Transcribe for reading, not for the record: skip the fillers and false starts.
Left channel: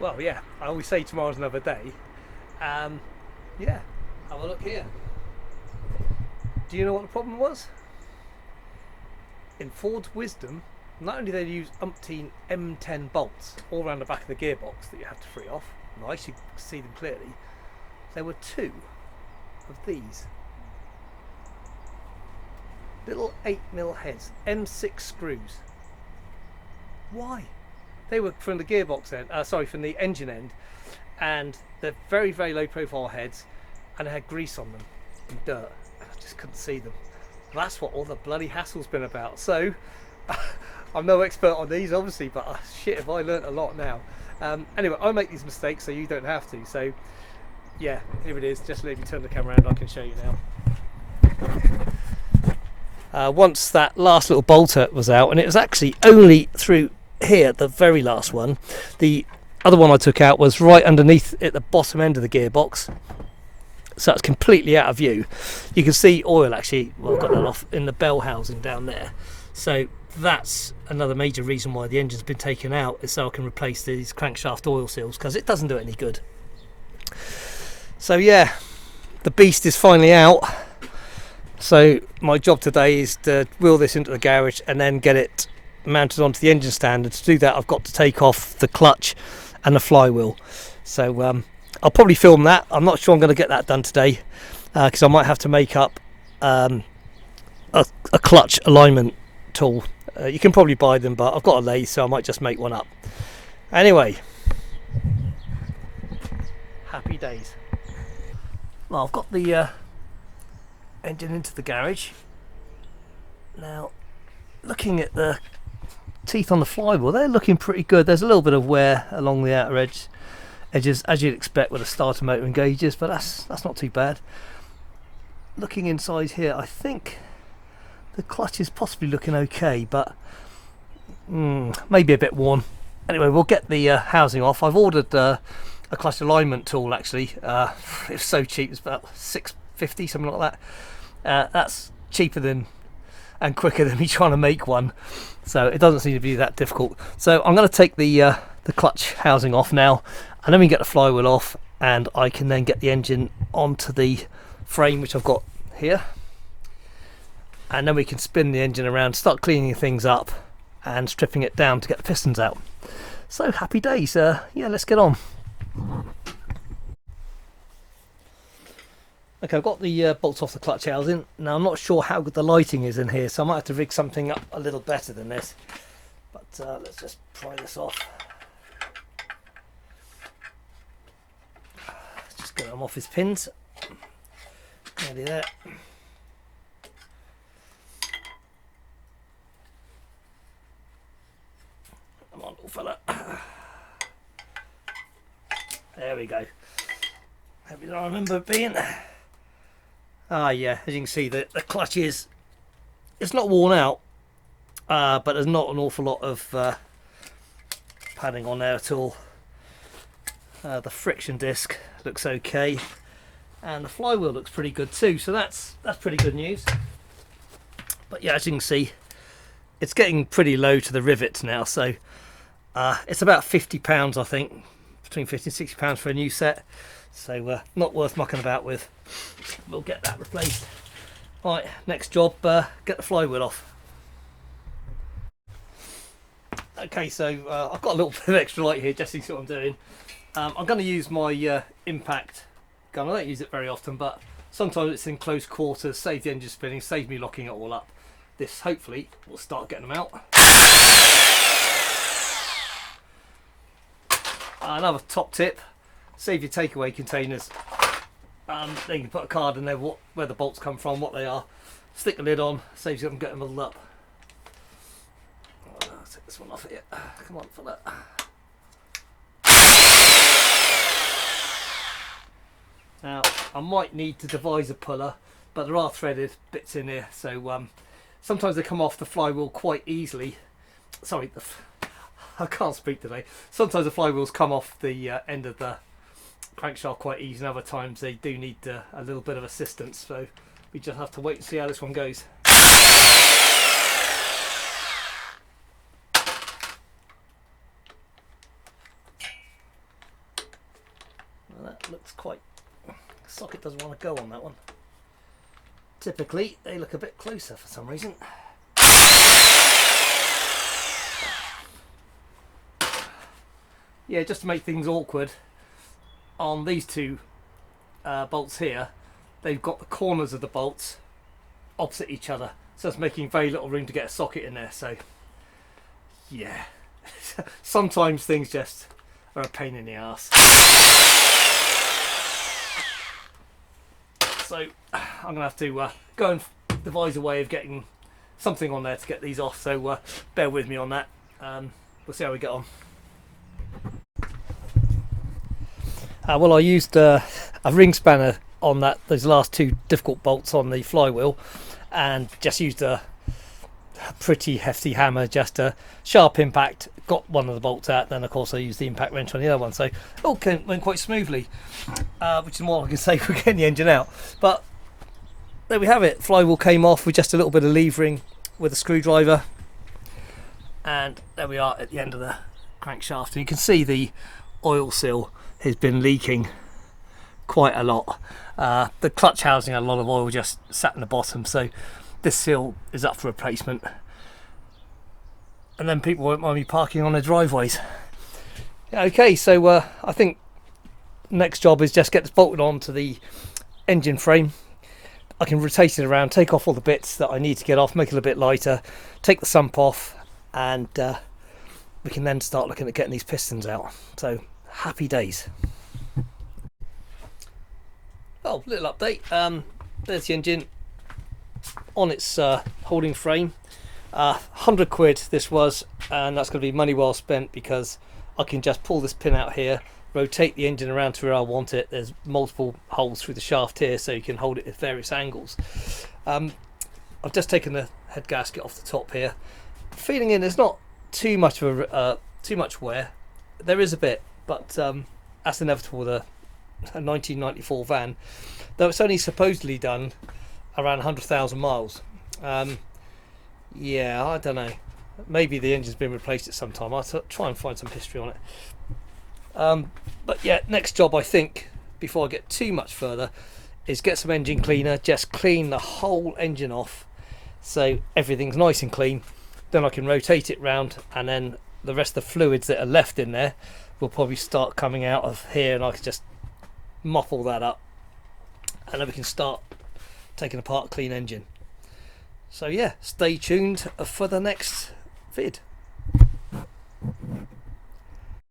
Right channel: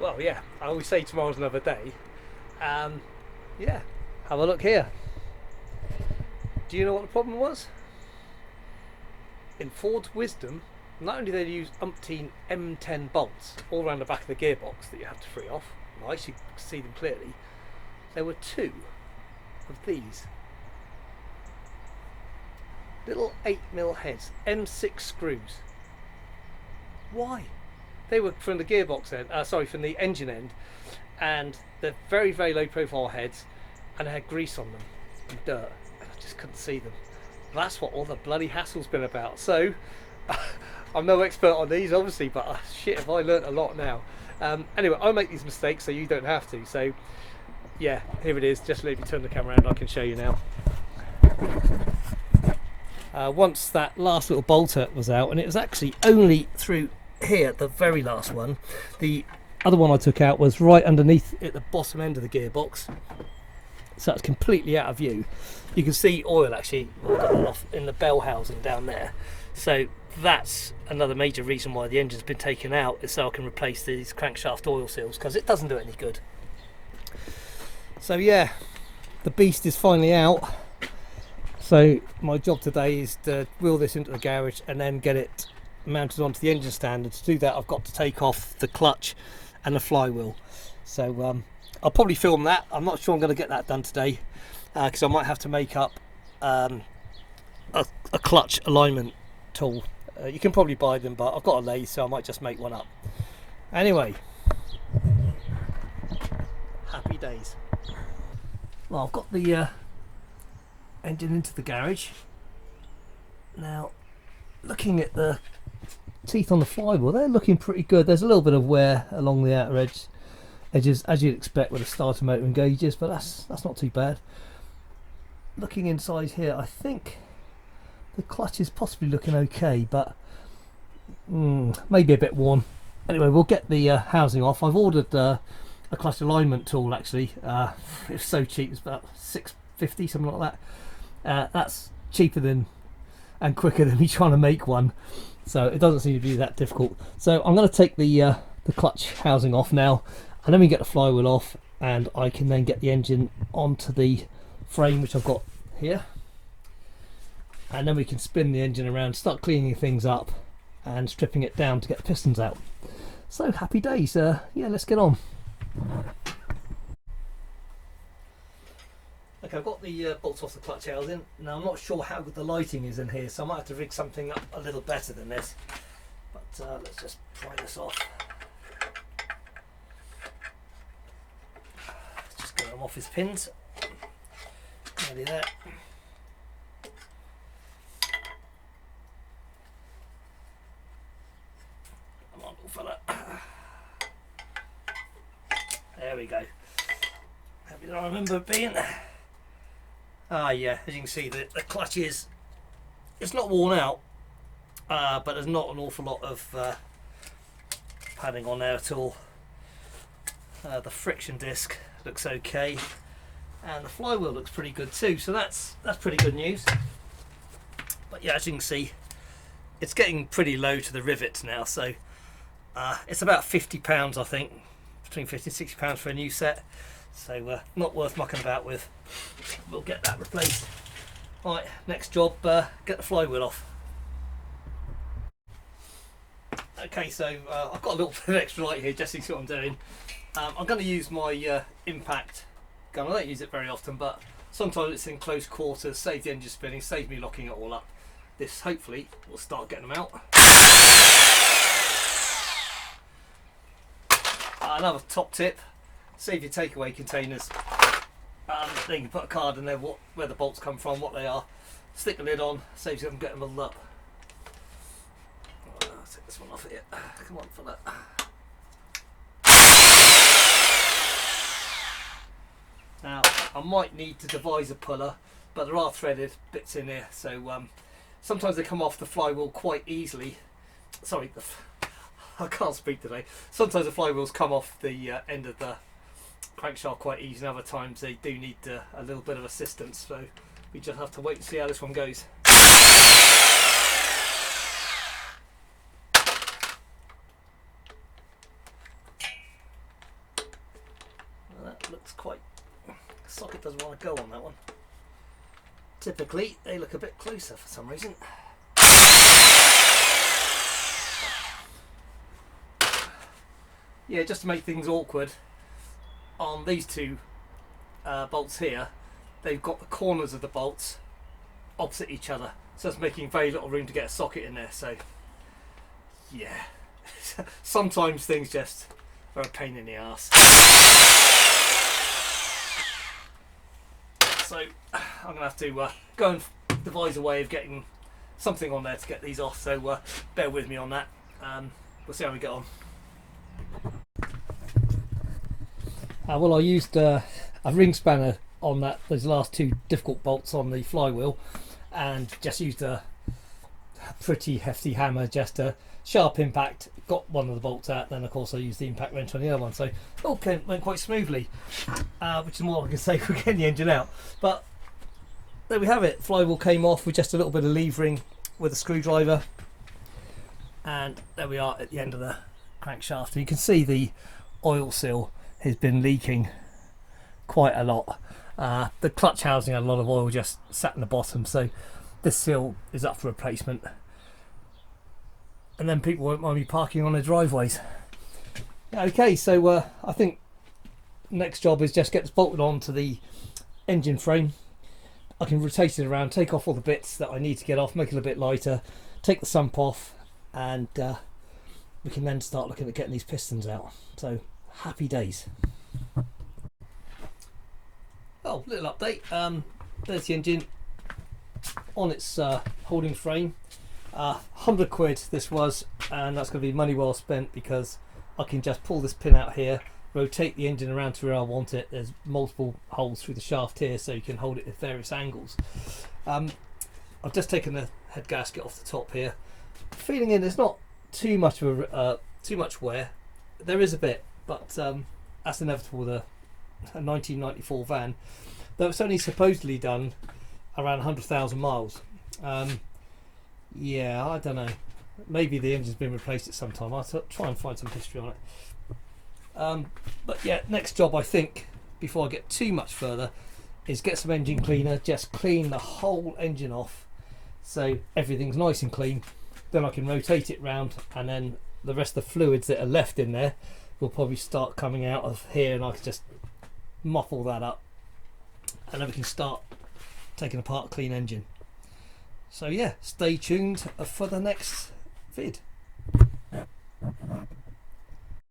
Well, yeah, I always say tomorrow's another day. Yeah, have a look here. Do you know what the problem was? In Ford's wisdom, not only did they use umpteen M10 bolts all around the back of the gearbox that you have to free off, nice, you can see them clearly, there were two of these little 8mm heads, M6 screws. Why? They were from the gearbox end, from the engine end, and they're very, very low profile heads, and they had grease on them and dirt, and I just couldn't see them. That's what all the bloody hassle's been about. So I'm no expert on these obviously, but shit, have I learnt a lot now. Anyway, I make these mistakes so you don't have to. So yeah, here it is. Just let me turn the camera around, I can show you now. Once that last little bolter was out, and it was actually only through here, the very last one. The other one I took out was right underneath at the bottom end of the gearbox, so it's completely out of view. You can see oil actually, well, I've got that off, in the bell housing down there. So that's another major reason why the engine's been taken out, is so I can replace these crankshaft oil seals, because it doesn't do it any good. So yeah, the beast is finally out. So my job today is to wheel this into the garage and then get it mounted onto the engine stand, and to do that I've got to take off the clutch and the flywheel. So I'll probably film that. I'm not sure I'm going to get that done today, because I might have to make up a clutch alignment tool. You can probably buy them, but I've got a lathe, so I might just make one up. Anyway, happy days. Well, I've got the engine into the garage. Now, looking at the teeth on the flywheel, they're looking pretty good. There's a little bit of wear along the outer edges, as you'd expect with a starter motor and gauges, but that's not too bad. Looking inside here, I think the clutch is possibly looking okay, but maybe a bit worn. Anyway, we'll get the housing off. I've ordered a clutch alignment tool actually. It's so cheap, it's about $6.50, something like that. That's cheaper than and quicker than me trying to make one, so it doesn't seem to be that difficult. So I'm going to take the clutch housing off now, and then we can get the flywheel off, and I can then get the engine onto the frame, which I've got here, and then we can spin the engine around, start cleaning things up and stripping it down to get the pistons out. So happy days. Yeah, let's get on. Okay, I've got the bolts off the clutch housing. Now I'm not sure how good the lighting is in here, so I might have to rig something up a little better than this, but let's just pry this off. Just get them off his pins. Nearly there. Come on, little fella. There we go. Hope you don't remember it being. Ah, yeah, as you can see, the clutch it's not worn out, but there's not an awful lot of padding on there at all. The friction disc looks okay, and the flywheel looks pretty good too, so that's pretty good news. But yeah, as you can see, it's getting pretty low to the rivets now, so it's about £50, I think, between £50 and £60 for a new set. So not worth mucking about with. We'll get that replaced. Right, next job, get the flywheel off. Okay, so I've got a little bit of extra light here just to see what I'm doing. I'm going to use my impact gun. I don't use it very often, but sometimes it's in close quarters, save the engine spinning, save me locking it all up. This hopefully will start getting them out. Another top tip: save your takeaway containers. Then you can put a card in there where the bolts come from, what they are. Stick the lid on, saves you from getting muddled up. I'll take this one off here. Come on, for that. Now I might need to devise a puller, but there are threaded bits in here, so sometimes they come off the flywheel quite easily. Sorry, I can't speak today. Sometimes the flywheels come off the end of the crankshaft quite easy, and other times they do need a little bit of assistance, so we just have to wait and see how this one goes. looks quite... socket doesn't want to go on that one. Typically they look a bit closer for some reason. Yeah, just to make things awkward, on these two bolts here, they've got the corners of the bolts opposite each other, so it's making very little room to get a socket in there. So yeah, sometimes things just are a pain in the ass. So I'm gonna have to go and devise a way of getting something on there to get these off, so bear with me on that. We'll see how we get on. Well, I used a ring spanner on those last two difficult bolts on the flywheel, and just used a pretty hefty hammer, just a sharp impact, got one of the bolts out, then of course I used the impact wrench on the other one, so it all went quite smoothly, which is more I can say for getting the engine out. But there we have it, flywheel came off with just a little bit of levering with a screwdriver, and there we are at the end of the crankshaft, and you can see the oil seal has been leaking quite a lot. The clutch housing had a lot of oil just sat in the bottom, so this seal is up for replacement, and then people won't mind me parking on their driveways. Okay, so I think next job is just get this bolted onto the engine frame. I can rotate it around, take off all the bits that I need to get off, make it a bit lighter, take the sump off, and we can then start looking at getting these pistons out. So happy days. Oh, little update. There's the engine on its holding frame. 100 quid this was, and that's going to be money well spent, because I can just pull this pin out here, rotate the engine around to where I want it. There's multiple holes through the shaft here, so you can hold it at various angles. I've just taken the head gasket off the top here. Feeling in, there's not too much of too much wear. There is a bit, but that's inevitable with a 1994 van, though it's only supposedly done around 100,000 miles. Yeah, I don't know, maybe the engine's been replaced at some time. I'll try and find some history on it. But yeah, next job, I think, before I get too much further, is get some engine cleaner, just clean the whole engine off so everything's nice and clean. Then I can rotate it round, and then the rest of the fluids that are left in there will probably start coming out of here, and I can just mop all that up, and then we can start taking apart a clean engine. So yeah, stay tuned for the next vid.